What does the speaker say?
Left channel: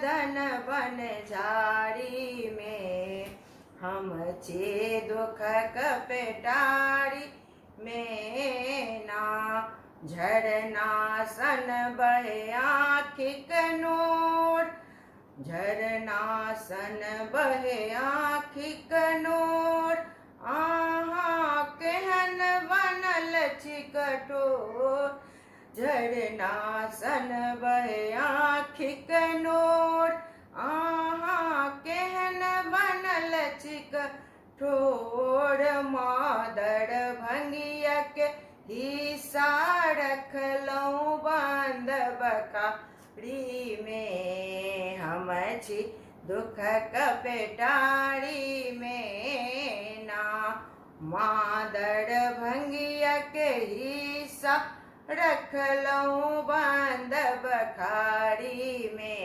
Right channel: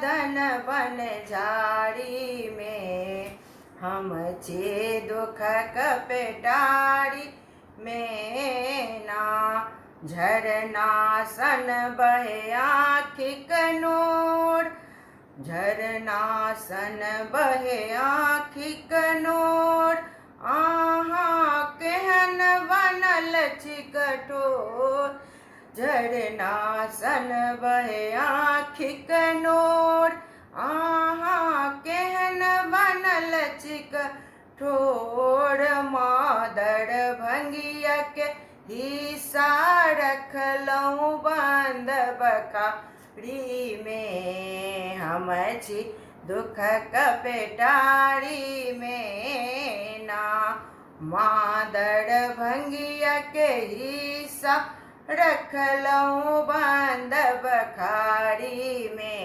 साधन बन झाड़ी में, हम छे दुख कपेटाड़ी में ना। झरना सन बहे आँखि कनोर, झरना सन बहे आँखि कनोर, आहा केहन बनल छी कठोर। झरना सन बहे आँखि कनोर, आहा केहन बनल छी कठोर। मादर भंगिया के हिस्सा रखलहुँ बंद बखारी में, हम छी दुख कपेटारी में ना। मादर भंगिया के हिस्सा रखलहुँ बंद बखारी में।